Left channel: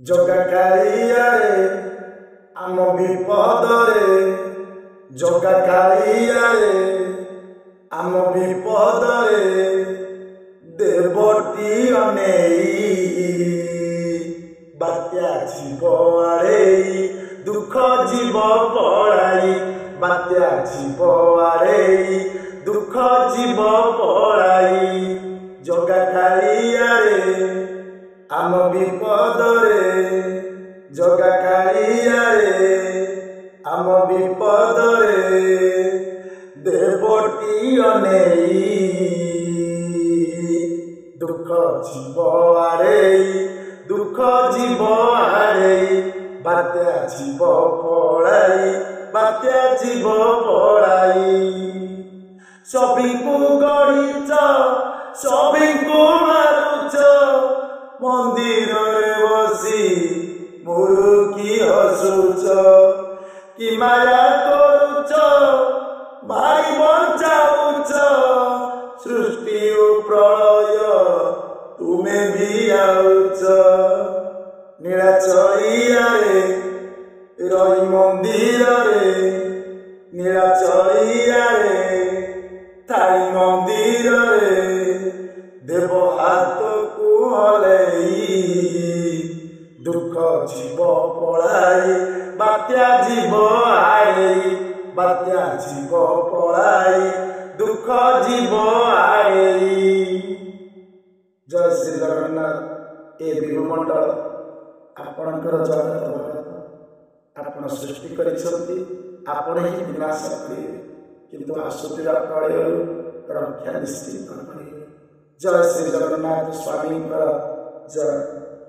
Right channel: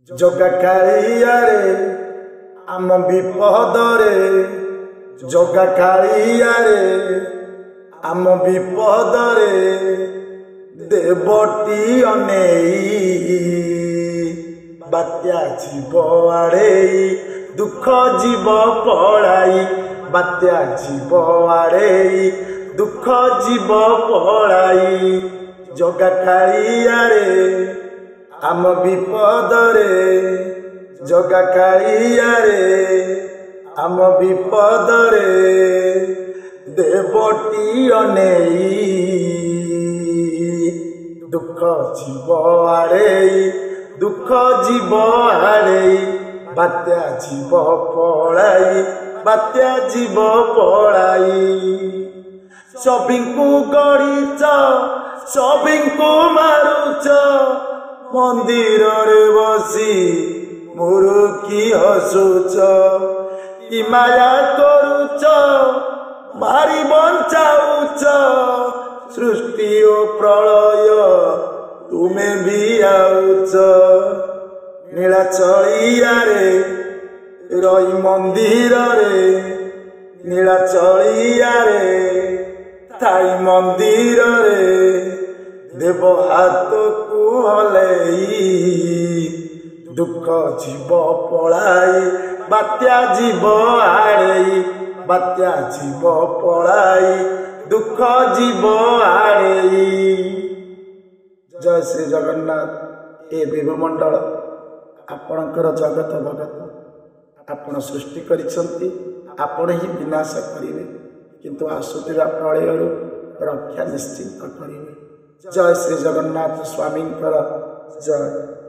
ଜଗା କାଳିଆରେ ଆମ ବିପଦରେ, ଜଗା କାଳିଆରେ ଆମ ବିପଦରେ ଦେବଟି ଅନେଇ ବାତ୍ୟା ଆସିବ ଆରେଇ ଦୁଃଖ ଯିବ ପଳାଇ, ବାତ୍ୟା ଆସିବ ଆରେଇ ଦୁଃଖ ଯିବ ପଳାଇ। ଜଗା କାଳିଆରେ ଆମ ବିପଦରେ, ଜଗା କାଳିଆରେ ଆମ ବିପଦରେ ଦେବଟି ଅନେଇ ଦୁଃଖ ଯିବ ଆରେଇ ଦୁଃଖ ଯିବ ଆରେଇ ବାତ୍ୟା ଯିବ ପଳାଇ, ବାତ୍ୟା ଯିବ ପଳାଇ। ସଭିଙ୍କୁ ଗଣିଛ, ସଭିଙ୍କୁ ମାରୁଛ, ମନ୍ଦିରରେ ବସି ମୁରୁକି ହସୁଛ, କି ମାୟା କରୁଛ ମାରି ବଞ୍ଚାଉଛ, ସୃଷ୍ଟି ଓ ପ୍ରଳୟ ତୁମେ ବି ଆଉଛ। ନୀଳାଚଇଆରେ ରହି ମନ୍ଦିରରେ, ନୀଳାଚଇଆରେ ଥାଇ ମନ୍ଦିରରେ ଦେବ ହାତକୁ ହଲେଇ ଦୁଃଖ ଯିବ ପଳାଇ, ବାତ୍ୟା ଯିବ ଆରେଇ, ବାତ୍ୟା ଯିବ ପଳାଇ ଦୁଃଖ ଯିବ ଆରେଇ। ଜୟ ଶ୍ରୀ ଜଗନ୍ନାଥ। ଏ ଭୂମଣ୍ଡଳ ଆପଣଙ୍କର ଜଗତ ଭଗତ, ଆପଣ ସୃଷ୍ଟି କରିଛନ୍ତି, ଆପଣ ହିଁ ବିନାଶ କରିବେ, କିନ୍ତୁ ଅସୁବିଧା ପଳେଇରୁ ରକ୍ଷା ନିଶ୍ଚିତ କରିବେ। ଜୟ ଶ୍ରୀ ଜଗନ୍ନାଥ ସ୍ୱାମୀଙ୍କର ଜୟ।